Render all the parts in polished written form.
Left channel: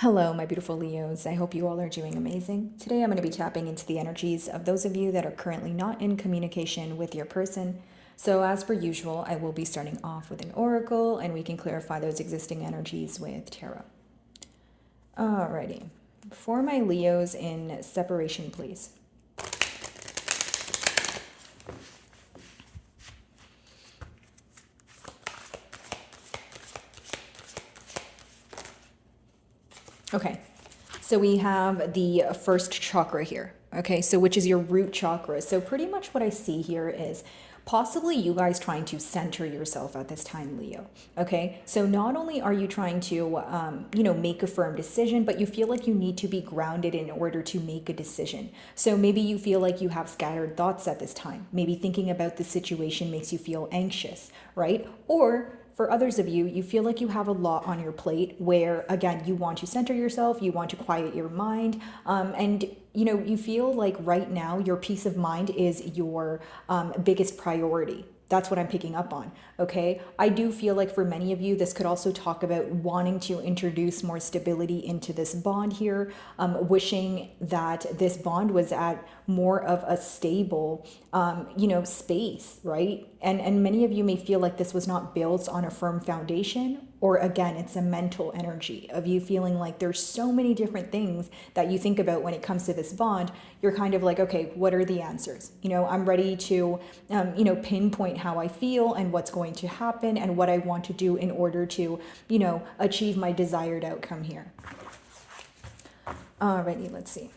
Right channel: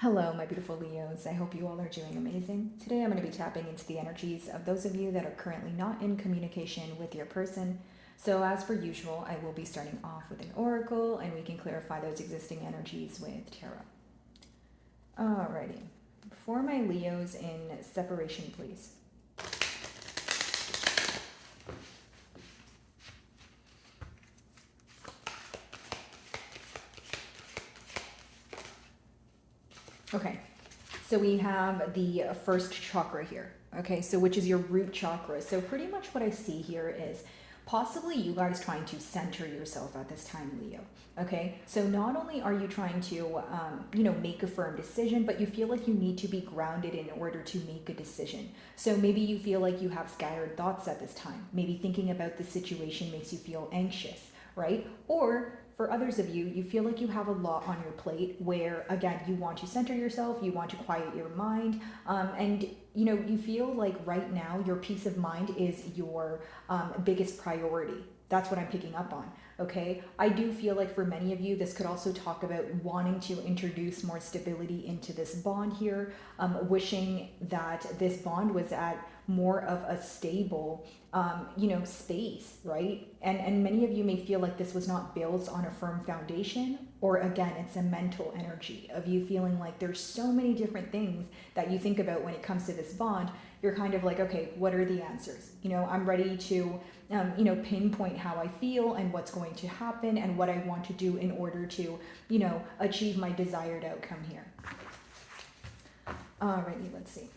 Hello, my beautiful Leos. I hope you all are doing amazing. Today I'm going to be tapping into the energies of those of you that are currently not in communication with your person. So, as per usual, I will be starting off with an oracle and we can clarify those existing energies with tarot. Alrighty. For my Leos in separation, please. Okay, so we have the first chakra here. Okay, so which is your root chakra. So pretty much what I see here is possibly you guys trying to center yourself at this time, Leo. Okay, so not only are you trying to, make a firm decision, but you feel like you need to be grounded in order to make a decision. So maybe you feel like you have scattered thoughts at this time. Maybe thinking about the situation makes you feel anxious, right? Or for others of you, you feel like you have a lot on your plate where, again, you want to center yourself, you want to quiet your mind, and you feel like right now your peace of mind is your biggest priority. That's what I'm picking up on. Okay. I do feel like for many of you, this could also talk about wanting to introduce more stability into this bond here, wishing that this bond was at more of a stable, space, right? And many of you may feel like this was not built on a firm foundation, or again, it's a mental energy of you feeling like there's so many different things that you think about when it comes to this bond. You're kind of like, okay, what are the answers? I'm ready to, pinpoint how I feel and what's going to happen and what I want to do in order to, achieve my desired outcome here. Alrighty, let's see.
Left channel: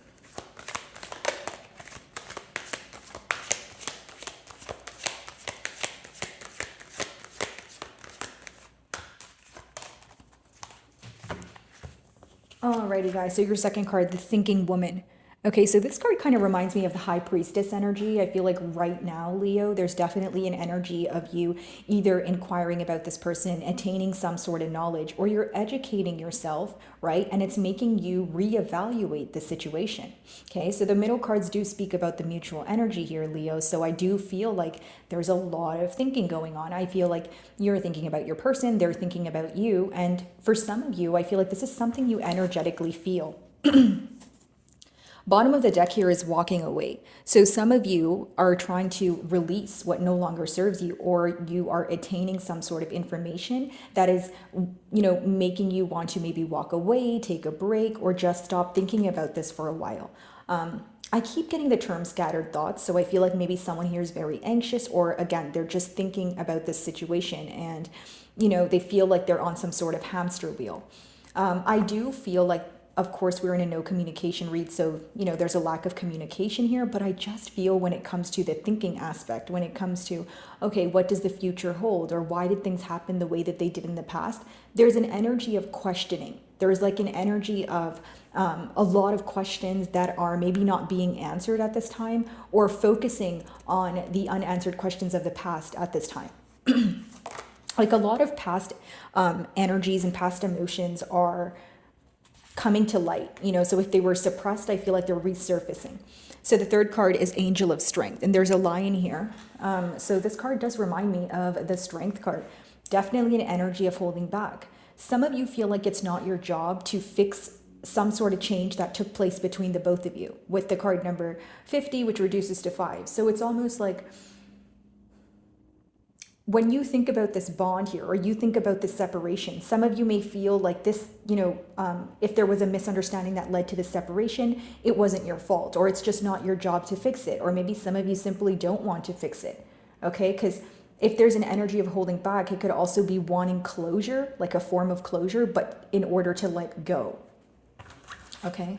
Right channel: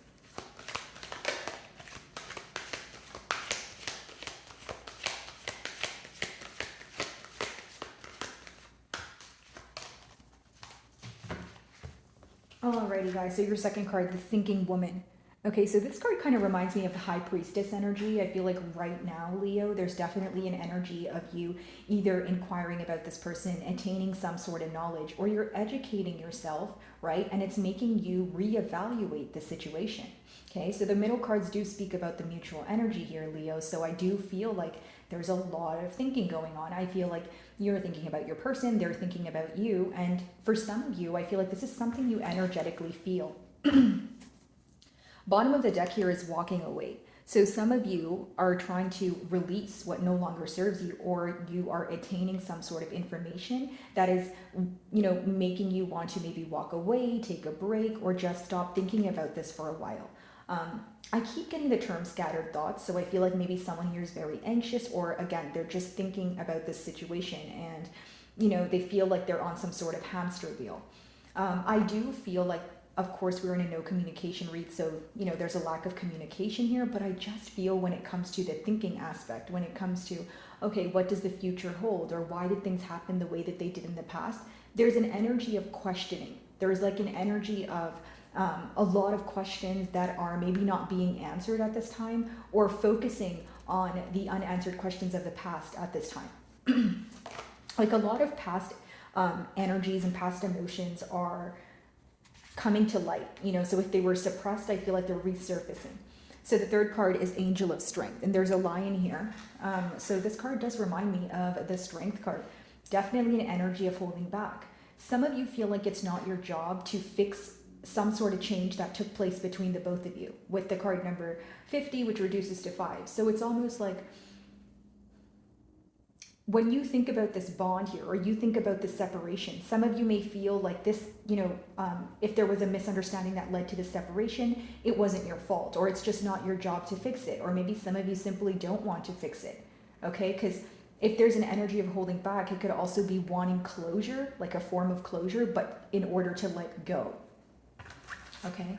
Alrighty, guys. So your second card, the Thinking Woman. Okay, so this card kind of reminds me of the High Priestess energy. I feel like right now, Leo, there's definitely an energy of you either inquiring about this person, attaining some sort of knowledge, or you're educating yourself, right? And it's making you reevaluate the situation. Okay, so the middle cards do speak about the mutual energy here, Leo. So I do feel like there's a lot of thinking going on. I feel like you're thinking about your person, they're thinking about you. And for some of you, I feel like this is something you energetically feel. Bottom of the deck here is walking away. So some of you are trying to release what no longer serves you, or you are attaining some sort of information that is, making you want to maybe walk away, take a break, or just stop thinking about this for a while. I keep getting the term scattered thoughts, so I feel like maybe someone here is very anxious, or again, they're just thinking about this situation and, they feel like they're on some sort of hamster wheel. I do feel like, of course, we're in a no communication read, so, there's a lack of communication here, but I just feel when it comes to the thinking aspect, when it comes to, okay, what does the future hold, or why did things happen the way that they did in the past, there's an energy of questioning. There's like an energy of a lot of questions that are maybe not being answered at this time, or focusing on the unanswered questions of the past at this time. Like a lot of past energies and past emotions are coming to light, so if they were suppressed, I feel like they're resurfacing. So the third card is Angel of Strength, and there's a lion here. So this card does remind me of the Strength card. Definitely an energy of holding back. Some of you feel like it's not your job to fix some sort of change that took place between the both of you, with the card number 50, which reduces to 5. So it's almost like when you think about this bond here, or you think about this separation, some of you may feel like this, if there was a misunderstanding that led to the separation, it wasn't your fault, or it's just not your job to fix it. Or maybe some of you simply don't want to fix it. Okay, because if there's an energy of holding back, it could also be wanting closure, like a form of closure, but in order to let go. Okay,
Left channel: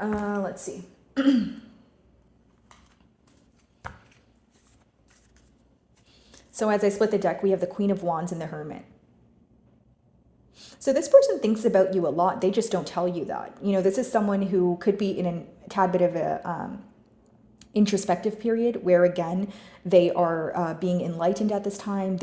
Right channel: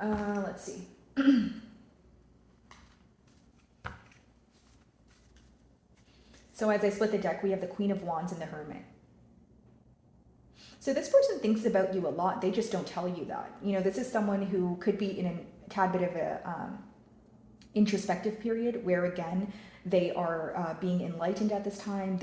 let's see. So as I split the deck, we have the Queen of Wands and the Hermit. So this person thinks about you a lot. They just don't tell you that. This is someone who could be in a tad bit of a introspective period where, again, they are being enlightened at this time.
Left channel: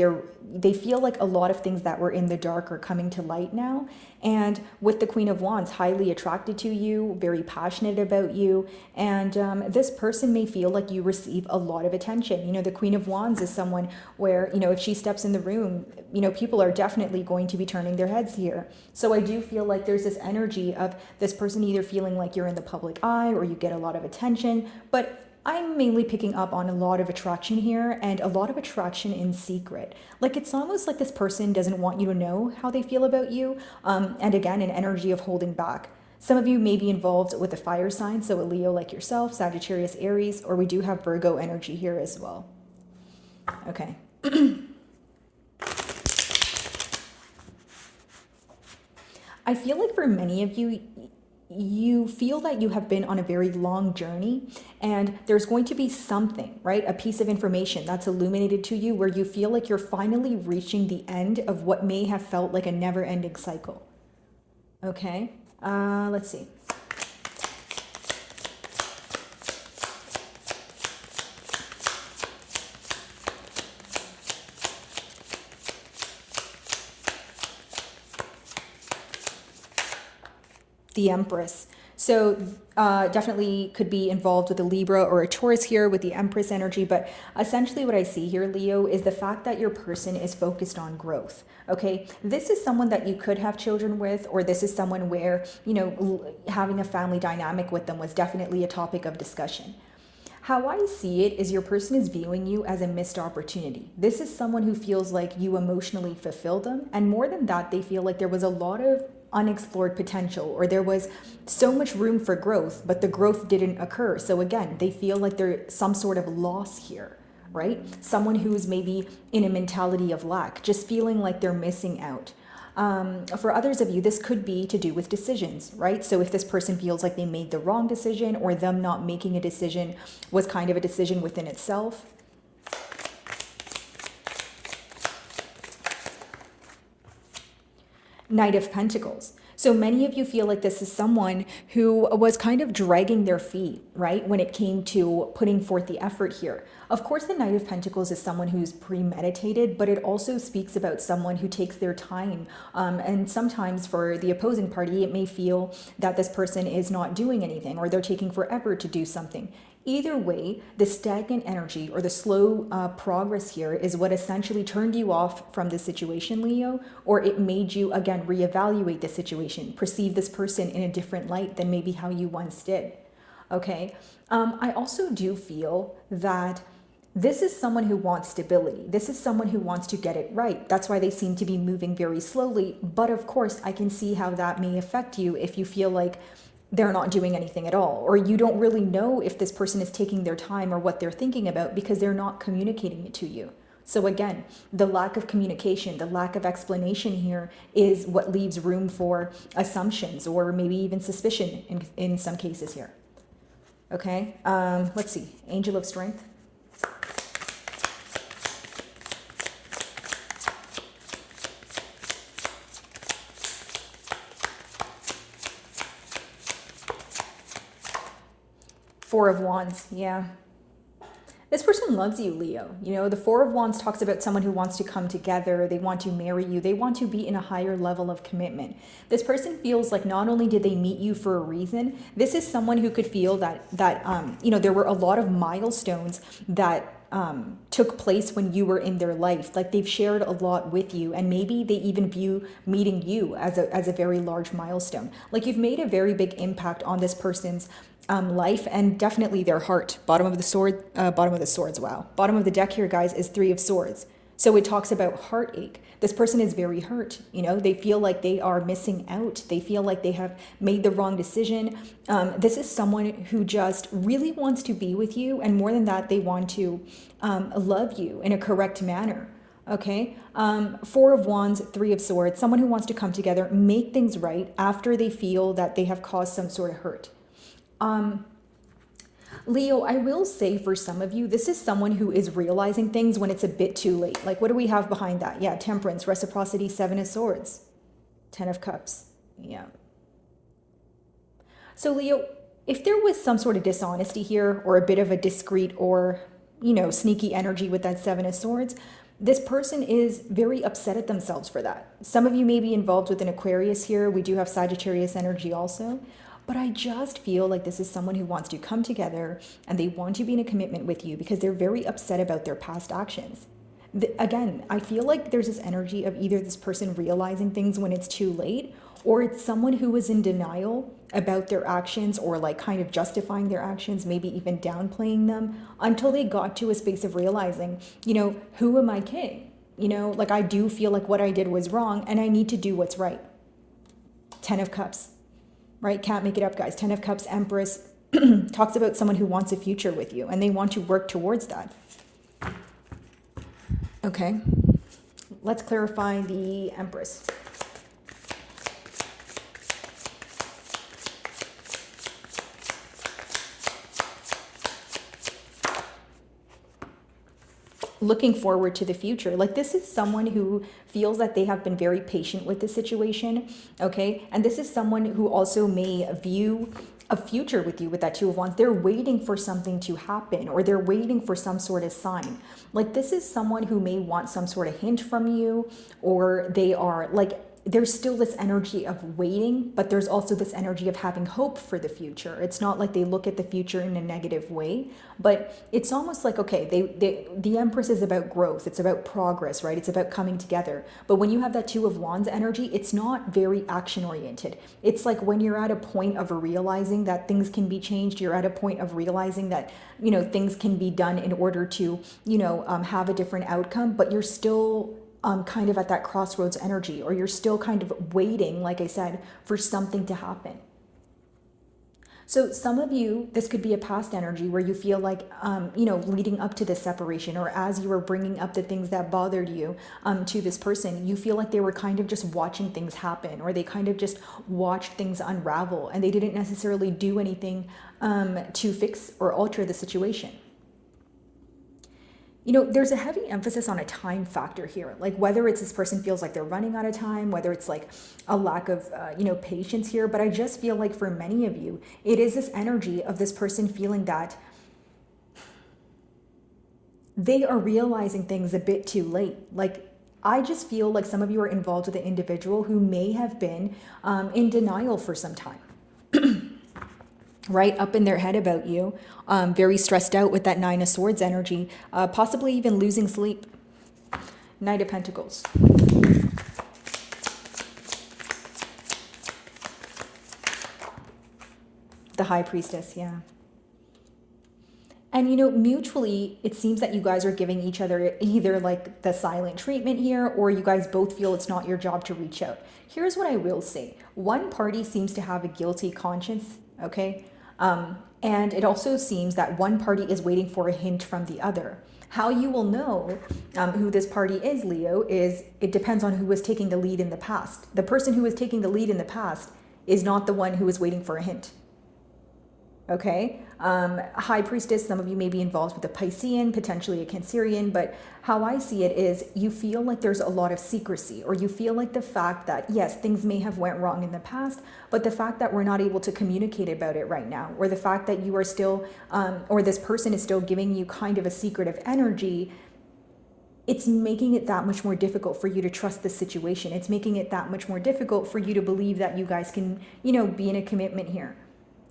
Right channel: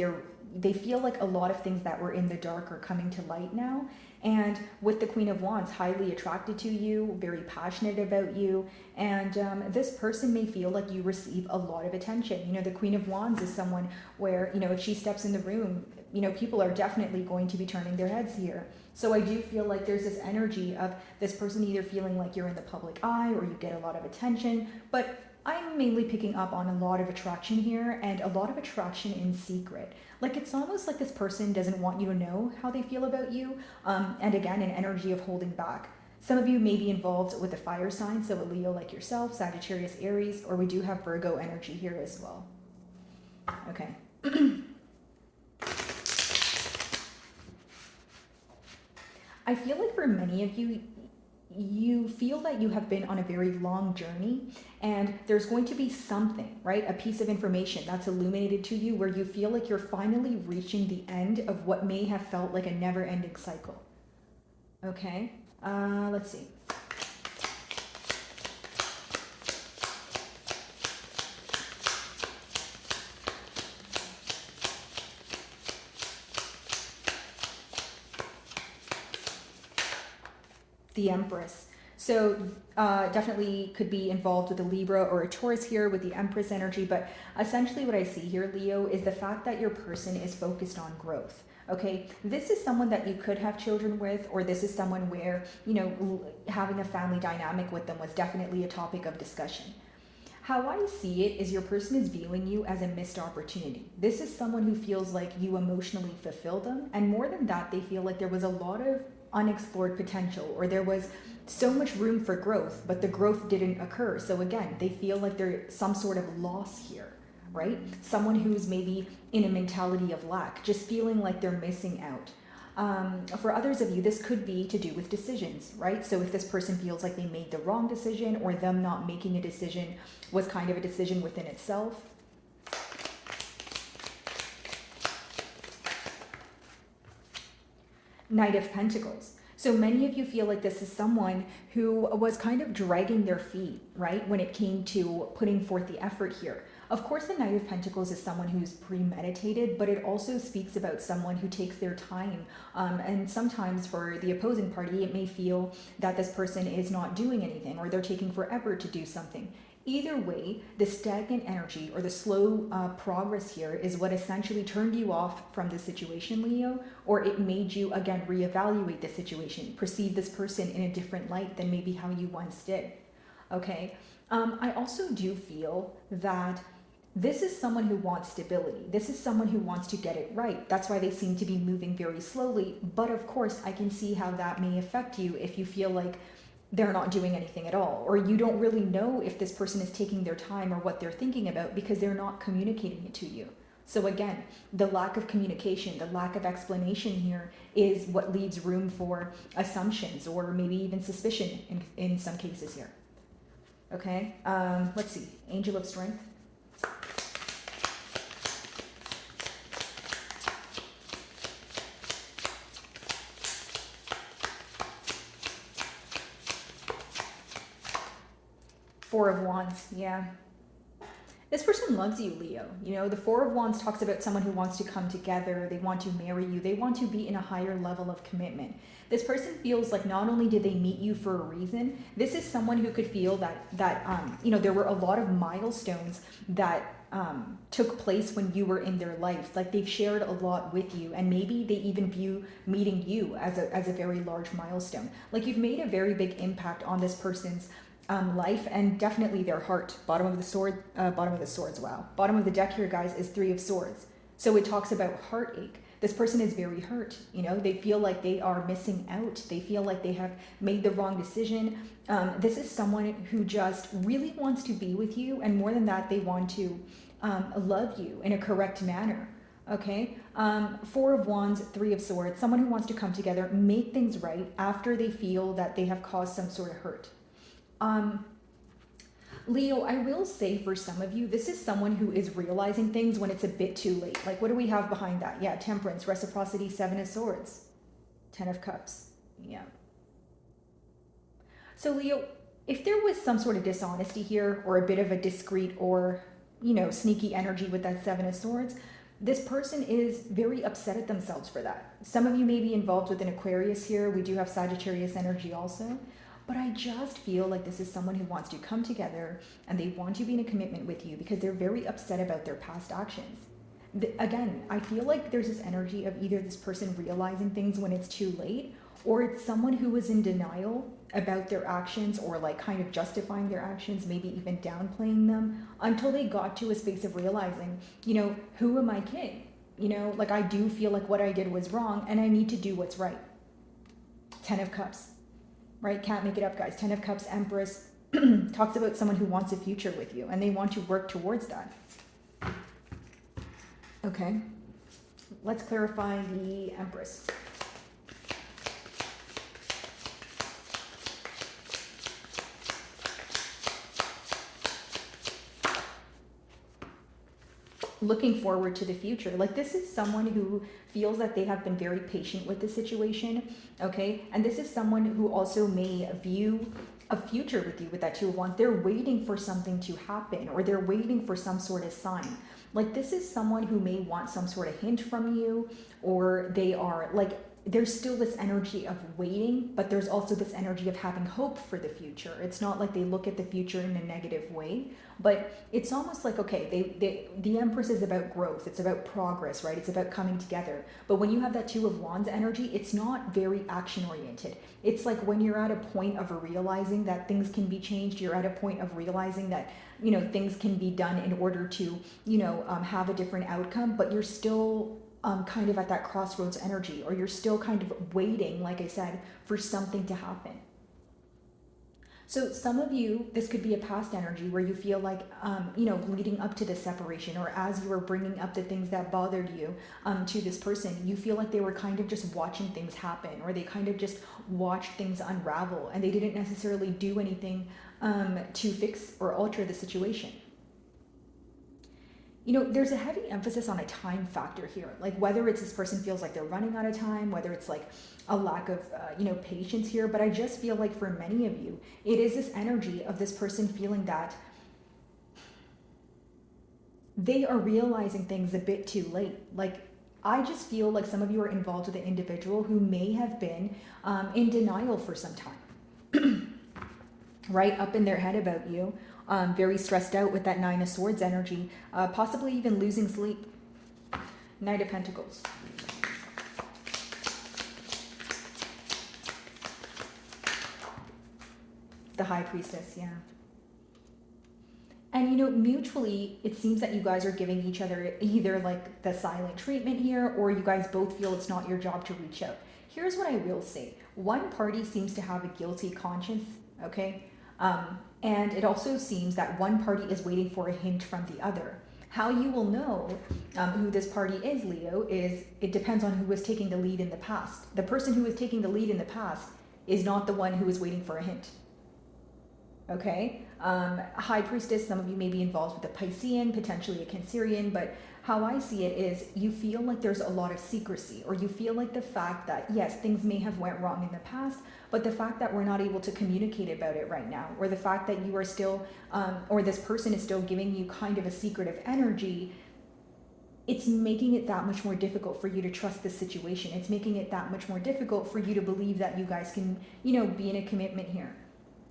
They feel like a lot of things that were in the dark are coming to light now. And with the Queen of Wands, highly attracted to you, very passionate about you. And this person may feel like you receive a lot of attention. You know, the Queen of Wands is someone where, you know, if she steps in the room, you know, people are definitely going to be turning their heads here. So I do feel like there's this energy of this person either feeling like you're in the public eye or you get a lot of attention. But I'm mainly picking up on a lot of attraction here, and a lot of attraction in secret. Like, it's almost like this person doesn't want you to know how they feel about you. And again, an energy of holding back. Some of you may be involved with a fire sign, so a Leo like yourself, Sagittarius, Aries, or we do have Virgo energy here as well. Okay. I feel like for many of you, you feel that you have been on a very long journey, and there's going to be something, right? A piece of information that's illuminated to you where you feel like you're finally reaching the end of what may have felt like a never-ending cycle. Okay, let's see. The Empress. So definitely could be involved with a Libra or a Taurus here with the Empress energy. But essentially what I see here, Leo, is the fact that your person is focused on growth. Okay, this is someone that you could have children with, or this is someone where, you know, having a family dynamic with them was definitely a topic of discussion. How I see it is your person is viewing you as a missed opportunity. This is someone who feels like you emotionally fulfilled them. And more than that, they feel like there was a lot of unexplored potential, or there was so much room for growth, but the growth didn't occur. So again, they feel like there's some sort of loss here, right? Someone who's maybe in a mentality of lack, just feeling like they're missing out. For others of you, this could be to do with decisions, right? So if this person feels like they made the wrong decision, or them not making a decision was kind of a decision within itself. Knight of Pentacles. So many of you feel like this is someone who was kind of dragging their feet, right, when it came to putting forth the effort here. Of course, the Knight of Pentacles is someone who's premeditated, but it also speaks about someone who takes their time. And sometimes for the opposing party, it may feel that this person is not doing anything, or they're taking forever to do something. Either way, the stagnant energy or the slow progress here is what essentially turned you off from the situation, Leo, or it made you, again, reevaluate the situation, perceive this person in a different light than maybe how you once did. Okay. I also do feel that this is someone who wants stability. This is someone who wants to get it right. That's why they seem to be moving very slowly. But of course, I can see how that may affect you if you feel like they're not doing anything at all, or you don't really know if this person is taking their time or what they're thinking about because they're not communicating it to you. So again, the lack of communication, the lack of explanation here is what leaves room for assumptions or maybe even suspicion in some cases here. Okay, let's see. Angel of Strength. Four of Wands, yeah. This person loves you, Leo. You know, the Four of Wands talks about someone who wants to come together. They want to marry you. They want to be in a higher level of commitment. This person feels like not only did they meet you for a reason, this is someone who could feel that you know, there were a lot of milestones that took place when you were in their life. Like, they've shared a lot with you, and maybe they even view meeting you as a very large milestone. Like, you've made a very big impact on this person's life, and definitely their heart. Bottom of the swords. Wow. Bottom of the deck here, guys, is Three of Swords. So it talks about heartache. This person is very hurt. You know, they feel like they are missing out. They feel like they have made the wrong decision. This is someone who just really wants to be with you, and more than that, they want to love you in a correct manner. Okay, Four of Wands, Three of Swords, someone who wants to come together, make things right after they feel that they have caused some sort of hurt. Leo, I will say for some of you, this is someone who is realizing things when it's a bit too late. Like, what do we have behind that? Yeah, Temperance, Reciprocity, Seven of Swords, Ten of Cups. Yeah. So Leo, if there was some sort of dishonesty here, or a bit of a discreet or sneaky energy with that Seven of Swords. This person is very upset at themselves for that. Some of you may be involved with an Aquarius here. We do have Sagittarius energy also. But I just feel like this is someone who wants to come together and they want to be in a commitment with you because they're very upset about their past actions. Again, I feel like there's this energy of either this person realizing things when it's too late, or it's someone who was in denial about their actions, or like kind of justifying their actions, maybe even downplaying them, until they got to a space of realizing, who am I kidding? Like, I do feel like what I did was wrong and I need to do what's right. 10 of Cups, right? Can't make it up, guys. 10 of Cups, Empress, talks about someone who wants a future with you and they want to work towards that. Okay, let's clarify the Empress. Looking forward to the future. Like, this is someone who feels that they have been very patient with the situation, okay? And this is someone who also may view a future with you with that Two of Wands. They're waiting for something to happen, or they're waiting for some sort of sign. Like, this is someone who may want some sort of hint from you, or they are like, there's still this energy of waiting, but there's also this energy of having hope for the future. It's not like they look at the future in a negative way, but it's almost like, okay, the Empress is about growth. It's about progress, right? It's about coming together. But when you have that Two of Wands energy, it's not very action oriented. It's like when you're at a point of realizing that things can be changed, you're at a point of realizing that, things can be done in order to, have a different outcome, but you're still kind of at that crossroads energy, or you're still kind of waiting, like I said, for something to happen. So some of you, this could be a past energy where you feel like, leading up to this separation, or as you were bringing up the things that bothered you to this person, you feel like they were kind of just watching things happen, or they kind of just watched things unravel, and they didn't necessarily do anything to fix or alter the situation. There's a heavy emphasis on a time factor here, like whether it's this person feels like they're running out of time, whether it's like a lack of, patience here. But I just feel like for many of you, it is this energy of this person feeling that they are realizing things a bit too late. Like, I just feel like some of you are involved with an individual who may have been in denial for some time. Right up in their head about you, very stressed out with that Nine of Swords energy, possibly even losing sleep. Knight of Pentacles. The High Priestess, yeah. And mutually, it seems that you guys are giving each other either like the silent treatment here, or you guys both feel it's not your job to reach out. Here's what I will say. One party seems to have a guilty conscience, okay? And it also seems that one party is waiting for a hint from the other. How you will know who this party is, Leo, is it depends on who was taking the lead in the past. The person who was taking the lead in the past is not the one who is waiting for a hint. Okay? High Priestess, some of you may be involved with a Piscean, potentially a Cancerian, but how I see it is you feel like there's a lot of secrecy, or you feel like the fact that, yes, things may have went wrong in the past, but the fact that we're not able to communicate about it right now, or the fact that you are still, or this person is still giving you kind of a secretive energy, it's making it that much more difficult for you to trust the situation. It's making it that much more difficult for you to believe that you guys can, be in a commitment here.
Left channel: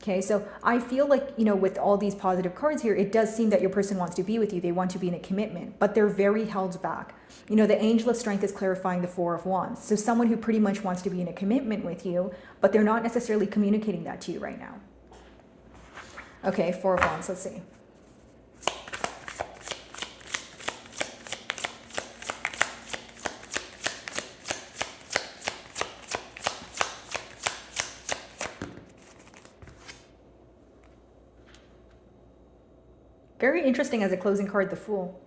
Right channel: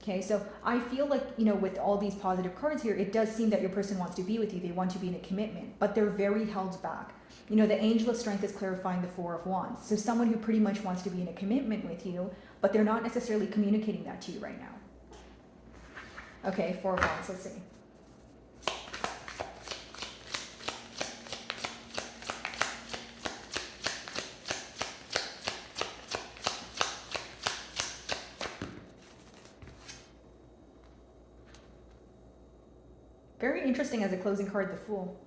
Okay, so I feel like, with all these positive cards here, it does seem that your person wants to be with you. They want to be in a commitment, but they're very held back. The Angel of Strength is clarifying the Four of Wands. So someone who pretty much wants to be in a commitment with you, but they're not necessarily communicating that to you right now. Okay, Four of Wands, let's see. Very interesting as a closing card, the Fool.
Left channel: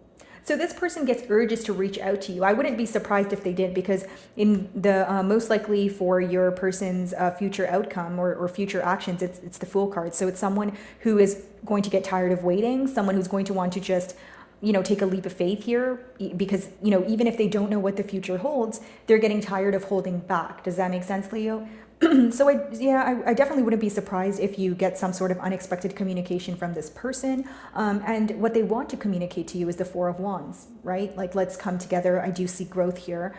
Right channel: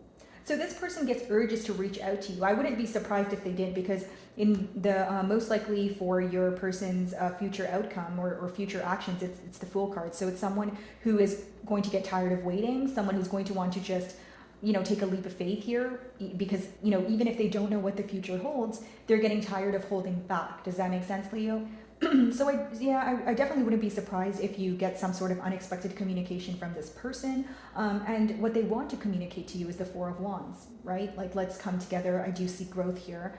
So this person gets urges to reach out to you. I wouldn't be surprised if they did, because in the most likely for your person's future outcome or future actions, it's the Fool card. So it's someone who is going to get tired of waiting, someone who's going to want to just, take a leap of faith here, because, even if they don't know what the future holds, they're getting tired of holding back. Does that make sense, Leo? So I definitely wouldn't be surprised if you get some sort of unexpected communication from this person. And what they want to communicate to you is the Four of Wands, right? Like, let's come together. I do see growth here.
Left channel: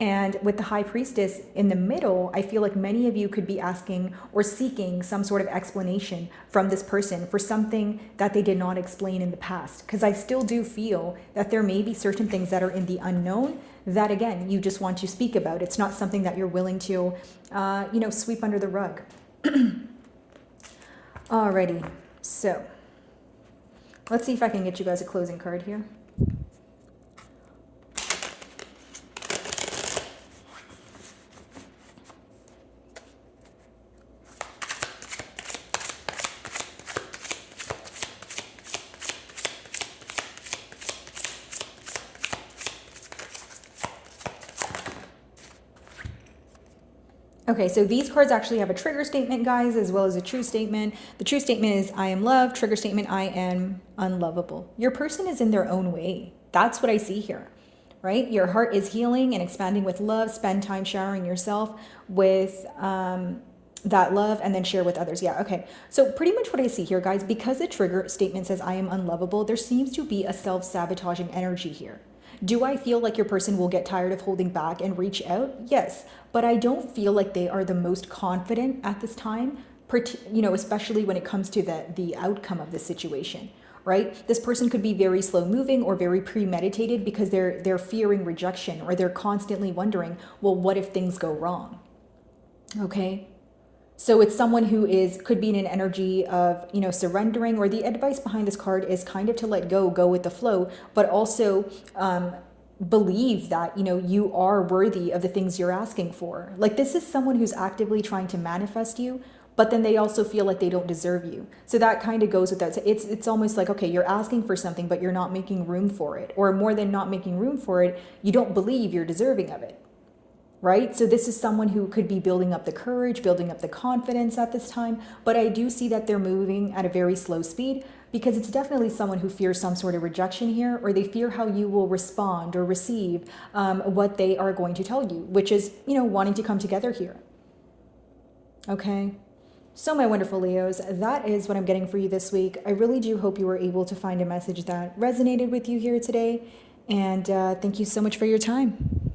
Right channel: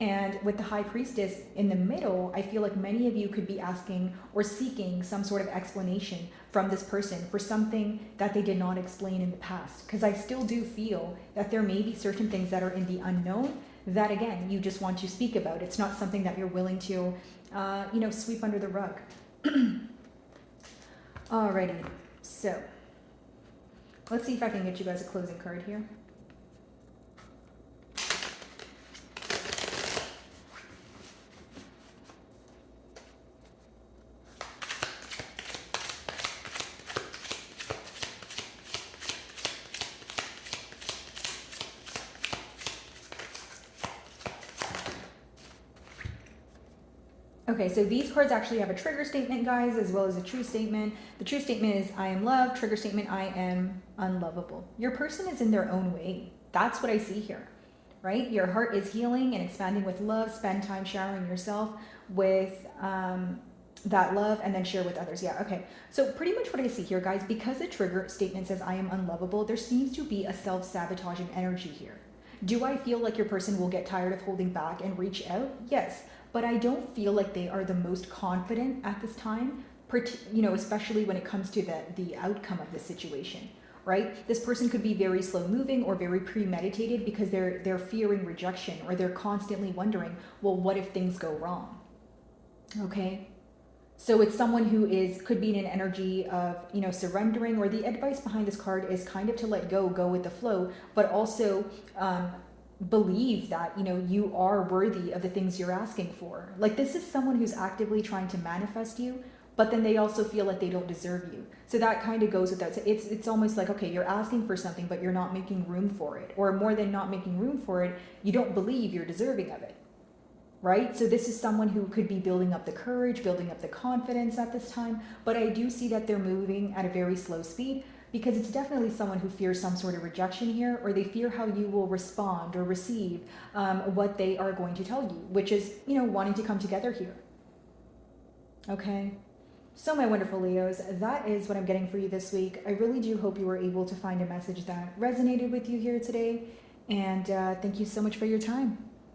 And with the High Priestess in the middle, I feel like many of you could be asking or seeking some sort of explanation from this person for something that they did not explain in the past. Because I still do feel that there may be certain things that are in the unknown that, again, you just want to speak about. It's not something that you're willing to, sweep under the rug. Alrighty, so let's see if I can get you guys a closing card here. Okay, so these cards actually have a trigger statement, guys, as well as a true statement. The true statement is I am loved. Trigger statement, I am unlovable. Your person is in their own way. That's what I see here, right? Your heart is healing and expanding with love. Spend time showering yourself with that love and then share with others. Yeah, okay. So pretty much what I see here, guys, because the trigger statement says I am unlovable, there seems to be a self-sabotaging energy here. Do I feel like your person will get tired of holding back and reach out? Yes, but I don't feel like they are the most confident at this time, especially when it comes to the outcome of the situation, right? This person could be very slow moving or very premeditated because they're fearing rejection, or they're constantly wondering, well, what if things go wrong? Okay? So it's someone who could be in an energy of, surrendering, or the advice behind this card is kind of to let go with the flow, but also believe that, you are worthy of the things you're asking for. Like, this is someone who's actively trying to manifest you, but then they also feel like they don't deserve you. So that kind of goes with that. So it's almost like, okay, you're asking for something, but you're not making room for it. Or more than not making room for it, you don't believe you're deserving of it. Right? So this is someone who could be building up the courage, building up the confidence at this time. But I do see that they're moving at a very slow speed, because it's definitely someone who fears some sort of rejection here, or they fear how you will respond or receive what they are going to tell you, which is, wanting to come together here. Okay. So my wonderful Leos, that is what I'm getting for you this week. I really do hope you were able to find a message that resonated with you here today. And thank you so much for your time.